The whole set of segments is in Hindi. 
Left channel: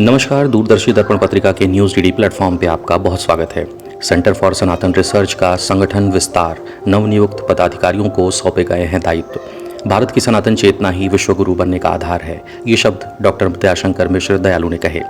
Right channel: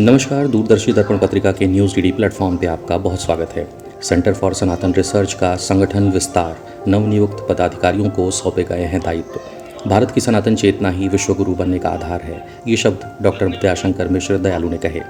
नमस्कार। दूरदर्शी दर्पण पत्रिका के न्यूज़ डीडी प्लेटफॉर्म पे आपका बहुत स्वागत है। सेंटर फॉर सनातन रिसर्च का संगठन विस्तार, नवनियुक्त पदाधिकारियों को सौंपे गए हैं दायित्व। भारत की सनातन चेतना ही विश्वगुरु बनने का आधार है, ये शब्द डॉक्टर दयाशंकर मिश्र दयालु ने कहे।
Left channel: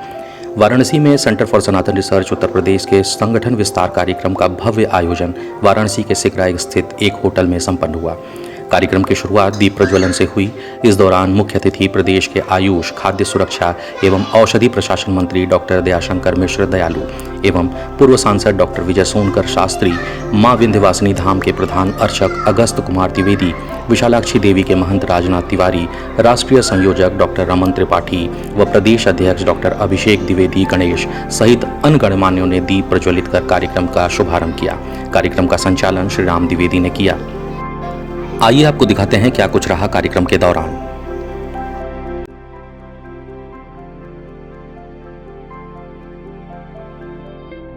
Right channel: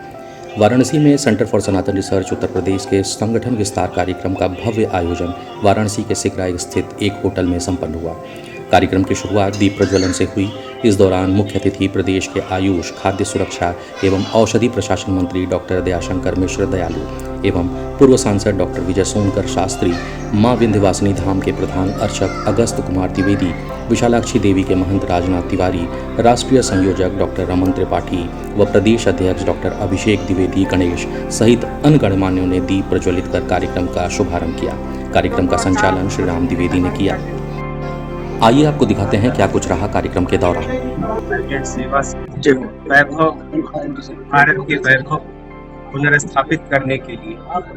वाराणसी में centre for Sanatan research Uttar Pradesh के संगठन विस्तार कार्यक्रम का भव्य आयोजन वाराणसी के सिकराई स्थित एक होटल में संपन्न हुआ। कार्यक्रम की शुरुआत दीप प्रज्वलन से हुई। इस दौरान मुख्य अतिथि प्रदेश के आयुष, खाद्य सुरक्षा एवं औषधि प्रशासन मंत्री डॉक्टर दयाशंकर मिश्र दयालु एवं पूर्व सांसद डॉक्टर विजय सोनकर शास्त्री, मां विंध्यवासिनी धाम के प्रधान अर्चक अगस्त कुमार द्विवेदी, विशालाक्षी देवी के महंत राजनाथ तिवारी, राष्ट्रीय संयोजक डॉक्टर रमन त्रिपाठी व प्रदेश अध्यक्ष डॉक्टर अभिषेक द्विवेदी गणेश सहित अन्य गणमान्यों ने दीप प्रज्वलित कर कार्यक्रम का शुभारंभ किया। कार्यक्रम का संचालन श्री राम द्विवेदी ने किया। आइए आपको दिखाते हैं क्या कुछ रहा कार्यक्रम के दौरान। सेवा से वैभव, भारत के वैभव पुनर्स्थापित करने के लिए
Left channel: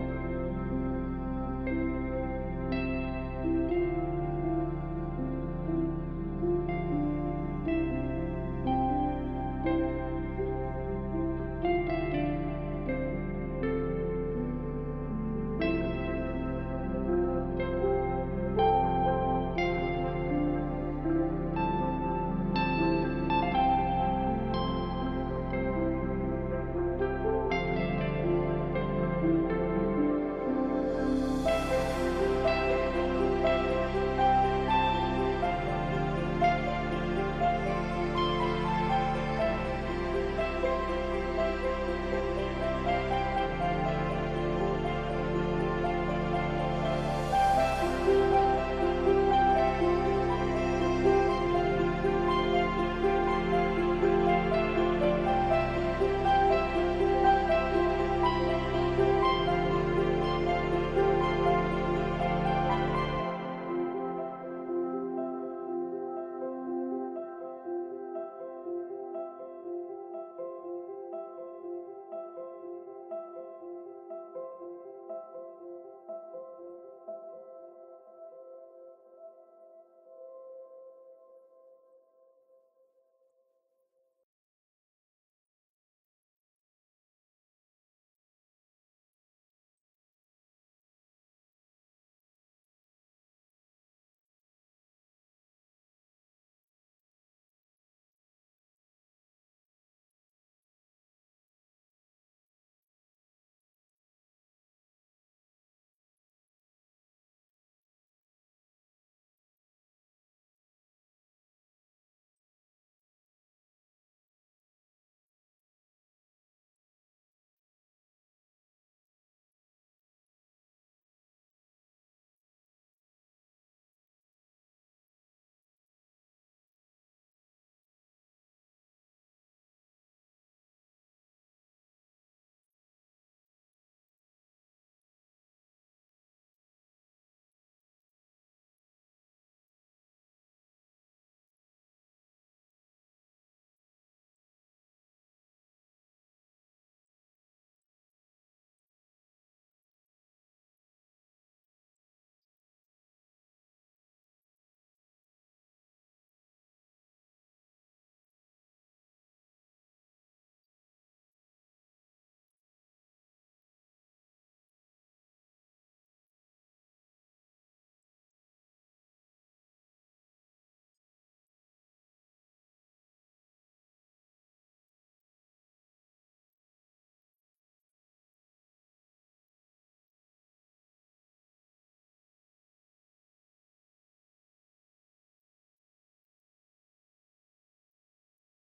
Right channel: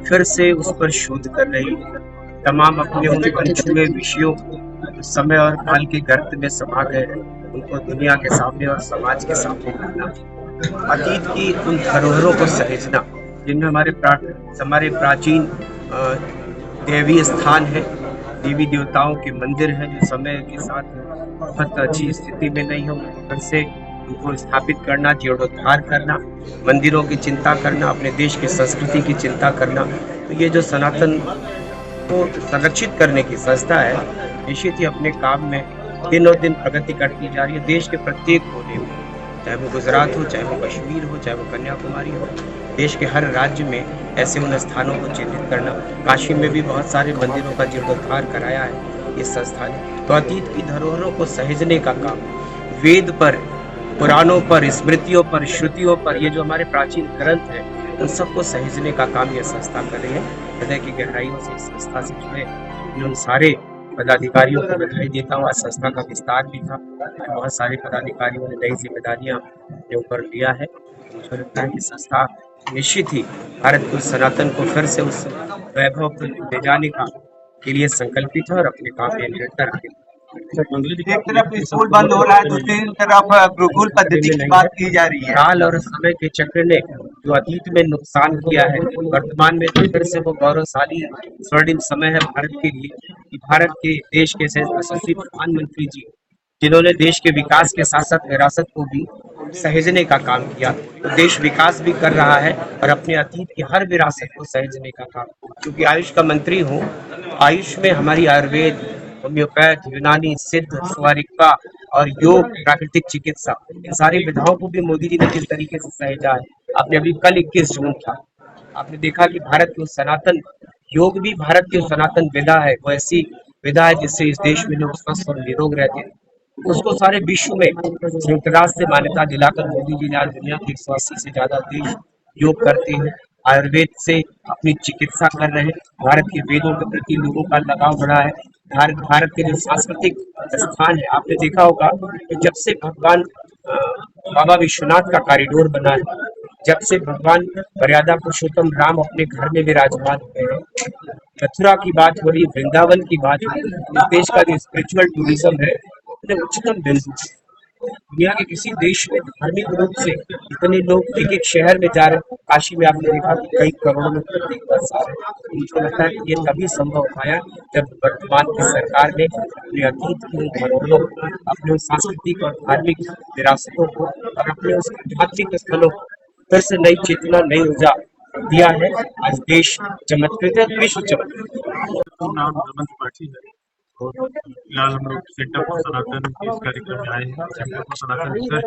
फिर से उस पर शोध कर रही तमाम अपने उन अनछुए विषयों को समय और काल के गर्त में समा गए हैं, उनको दुनिया के सामने और समाज के सामने लाना, अतीत की उन धरोहरों को सहेजना जिनमें हमारे प्राचीन देवीय स्थान है, देवी देवताओं के मंदिर हैं जो समय के साथ बहुत अच्छी स्थिति में नहीं हो, फिर से उनको स्थापित करना, जीर्णोद्धार करना, मंदिरों की चिंता करना, अपने देश की संस्कृति की चिंता करना। तो ये जो सनातन को संरक्षित करने की संस्था है, निश्चित ही अपने काम में दिनों दिन प्रगति करती जा रही है। देश के प्रत्येक कोने में, चाहे वो गुजरात हो, चाहे वो कश्मीर हो, चाहे वो कन्याकुमारी हो, देश के हर राज्य में ऐसे उन स्थानों को चिन्हित करना। काशी में भी बहुत सारे मंदिरों का जीर्णोद्धार कराया है इस संस्था ने। तो अतीत की धरोहरों को सहेजने का काम, वेद पर, पुराणों पर, स्मृतियों पर, श्रुतियों पर, ये जो हमारे प्राचीन ग्रंथ हैं उन सबको सहेजने का काम यह संस्था कर रही है। हृदय की गहराइयों से इस संस्था से जुड़े उन सारे पदाधिकारियों को बधाई देता हूँ। आज संस्था का विस्तार भी था, बहुत सारे पदाधिकारियों ने नई जिम्मेदारियां अपने ऊपर लिया है। मुझे लगता है कि संस्था निश्चित ही भारत को, सनातन को फिर से उस वैभव को ले जाने का के लिए संकल्पित है और अपने काम में निरंतर आगे। एक तरफ स्कूल बंद हो रहा है, दूसरी तरफ गुरुकुल पद्धति की बात की जा रही है। काल और समय के चक्र ने जो अतीत में नुकसान किया है, वर्तमान में तो फिर से वो गौरवशाली स्वर्णिम समय है भारत के लिए कि भारत के देश के यशस्वी प्रधानमंत्री जी, जिन्होंने देश के विकास के साथ साथ विरासत को भी सहेजने का काम किया, तो देश विकास भी कर रहा है और अपने अतीत की हर विरासत को सहेजने का काम। क्योंकि आयुष का मंत्री हूँ, आयुष में हमारी आयुर्वेद, होम्योपैथ, यूनानी, सिद्ध, स्वारिका और योग, प्राकृतिक चिकित्सा, इन सारी विधाओं को भी मोदी जी ने किस तरीके से सहेजा है। आपने अभी कल 21 जून था, आपने देखा कि भारत की सनातन योग भी भारत की सनातन विधा है, वो ऐसी विधा है जिससे इस देश में लोग स्वस्थ और निरोग रहते हैं। उसको सारे विश्व में संयुक्त राष्ट्र से मान्यता दिलाकर मोदी जी ने आज दुनिया के 180 से ज्यादा देश योग करते हैं, आयुर्वेद से अपनी चिकित्सा कर रहे हैं। भारत के वेदों के प्रति लोगों का लगाव बढ़ा है। भारत के जो सांस्कृतिक स्थान है, आपने देखा होगा कि जब से भगवान बाबा विश्वनाथ का कॉरिडोर बना है, जब से भगवान मर्यादा पुरुषोत्तम राम अपने घर में विराजमान हुए हैं, मथुरा की बात हो रही, वृंदावन की बात हो रही, इस देश का जो स्पिरिचुअल टूरिज्म है अपने उच्चतम बिंदु। दुनिया के किसी देश में धार्मिक रूप से इतने लोग एक एक शहर में जा रहे हैं। काशी में आपने देखा कि कई करोड़ों में प्रत्येक वर्ष आ रहे हैं। मुझे लगता है कि ये तभी संभव पाया जब वर्तमान की सरकार ने अपने अतीत की धरोहरों, अपने सांस्कृतिक और धार्मिक विरासतों को और अपने उस आध्यात्मिक स्थलों को फिर से नई चेतना, नई ऊर्जा दिया है। आज देश चमत्कृत है, विश्व चमत्कृत। नाम रमन त्रिपाठी है और फिलहाल हम लोग सेंटर फॉर सनातन के इस कार्यक्रम में आए हैं। Centre for Sanatan research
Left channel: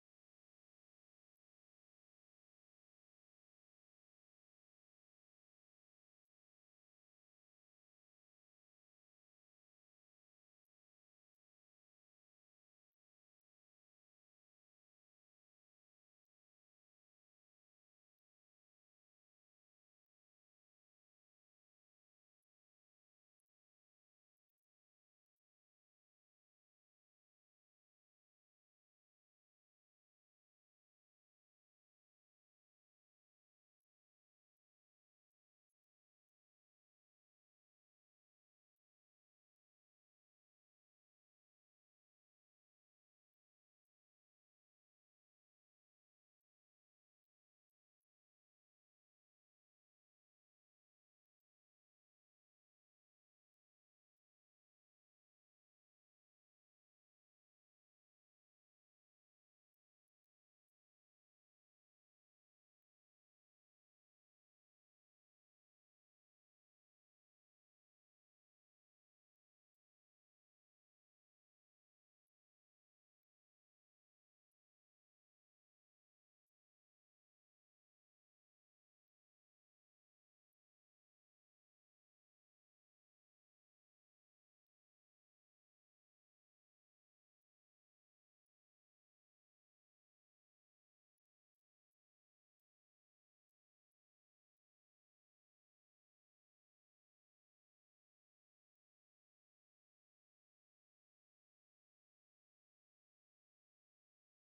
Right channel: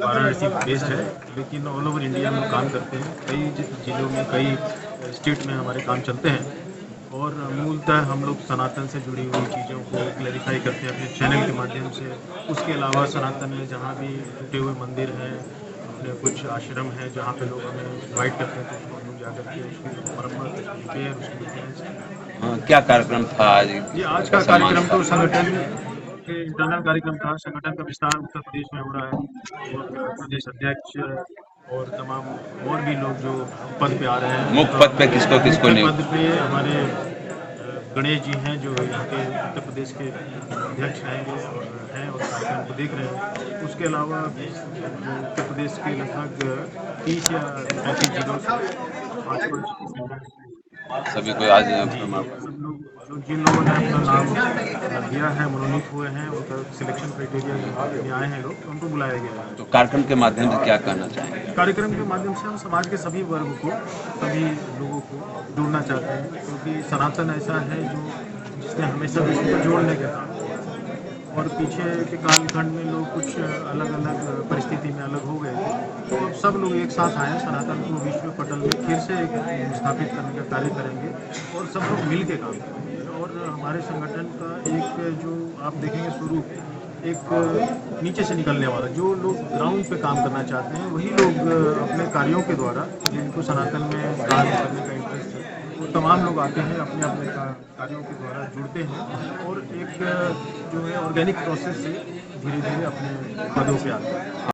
Varanasi based है, लेकिन ऑल ओवर इंडिया में काम करते हैं। कई जिलों में, कई स्टेट में हमारे काम चलते हैं और मूलतः हम लोग सनातन से जुड़ी हुई चीज़ों को क्लैरिफाई करते हैं अपने चैनल के माध्यम से। उसके अलावा सनातन में जहाँ भी टूटे हुए मंदिर हैं, अपने कुछ आश्रम हैं जहाँ पे लोग हमें इन्वाइट करते हैं, तो उसको हम लोग जाकर के उसकी मरम्मत, उसकी रिपेयर, उसकी मेंटेनेंस। क्या कार्यक्रम था आज? ये आज का कार्यक्रम तो संगठन के इंटरनल कार्यक्रम था। संगठन का विस्तार उत्तर प्रदेश में हो रहा है और प्रदेश अध्यक्ष और तमाम और भी लोग जो पद पे आ रहे हैं। मुख्य पद पे किसको मुख्य नहीं? पद पे हमारे गणेश जी हैं जो यहाँ के उत्तर प्रदेश के अध्यक्ष रहेंगे और हैं और कार्यक्रम को देख रहे हैं। उसके अलावा जो उत्तर प्रदेश के लगभग 30 या 35 जिलों से 5-5 सभी को आज जी, सब लोग जिन लोगों ने अपना नाम दिया है, मनोनीत हुए हैं, उनका सिलेक्शन क्राइटेरिया में आए हैं लोग, तो उनको बुलाया गया है। तो कार्यक्रम के माध्यम से क्या कहना चाहेंगे? कार्यक्रम के माध्यम से हम समाज के सभी वर्ग को, सभी लोगों को जोड़ना चाहते हैं, क्योंकि सनातन ऐसा है जिसने हमेशा विश्व को जोड़ने का काम किया और पीछे के कालखंड में लोग कुछ अलग अलग परिस्थिति में अलग हो गए थे, तो अब सब लोग एक साथ आए, सनातन को विश्व पटल में फिर से एक स्थापित करने का कार्य करेंगे और सब लोग मिल के काम करेंगे। और हमारे संगठन का एक जो आप देखेंगे स्वरूप एक नीचे से निकलने वाला, जो लोग ग्राउंड पे काम करना चाहते हैं वही लोग अपने कार्यों के द्वारा, जिनको सनातन में काम करने का इंटरेस्ट है, वो तमाम लोग आते हैं, अपने अपने कार्यों के द्वारा जुड़ते हैं और एक जो है ऑर्गेनिक प्रोसेस से धीरे धीरे अपने पदों पे आते हैं।